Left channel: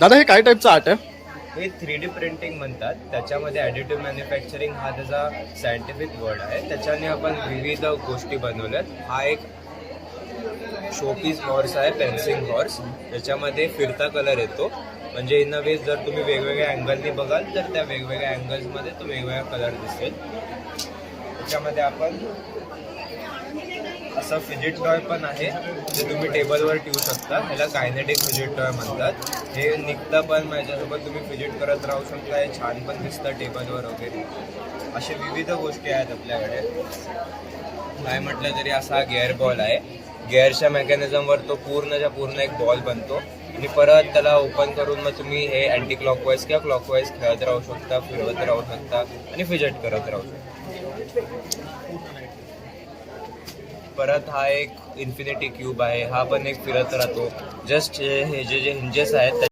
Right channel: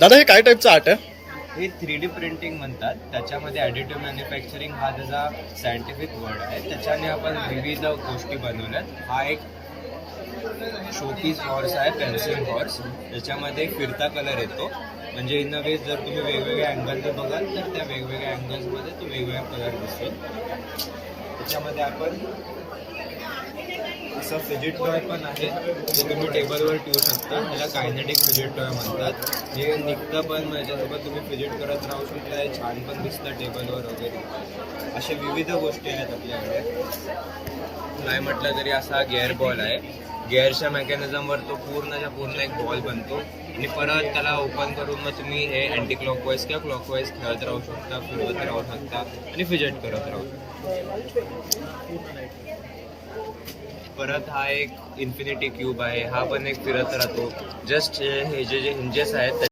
दादा हे काय टाईपचं आर्ट आहे? हे 3D प्रिंटिंग म्हणतात. त्याच्यामध्ये ॲडिटिव्ह मॅन्युफॅक्चरिंग हा त्याचा सायंटिफिक वर्ड आहे. त्याच्याने आपण विविध गोष्टी बनवल्यात. हा एक शोपीस हॉर्स आहे, पेन्सिल हॉर्स. याच्यामध्ये फिरता कलर येतो. म्हणजे इन अ वे जर तुम्ही वेगवेगळ्या अँगलने बघाल तर त्या वेगवेगळ्या अँगल्समध्ये तो वेगवेगळा कलर दिसेल. त्याच्यामध्ये आपण असा फिजिट टॉय पण आहे, ते तुम्ही टेबलवर ठेवू शकता. ह्याला कायनेटिक फिजिट टॉय म्हणतात. हे निघतं पण याच्यासोबत तुम्ही फिजिट करत राहू शकता. हे छान पण दिसतं टेबलवर वगैरे. अशा विविध गोष्टी आहेत आपल्याकडे. काय म्हटलं तरी असा हा गिअर बॉल आहे. गिअरच्या मेकॅनिझमवर तो पूर्णच्या पूर्ण एक बॉल बनतो आणि परत त्याला ओपन करून मग तुम्ही हे अँटी क्लॉकवाईज किंवा क्लॉकवाईज खेळत राहू शकता, फिरवत राहू शकता आणि फिजिट करत राहू शकता. परत हा एक इन्फिनिटी क्यूब आहे. हा पण एक फिरत राहतो. जस्ट हे जे हिंजेस आहेत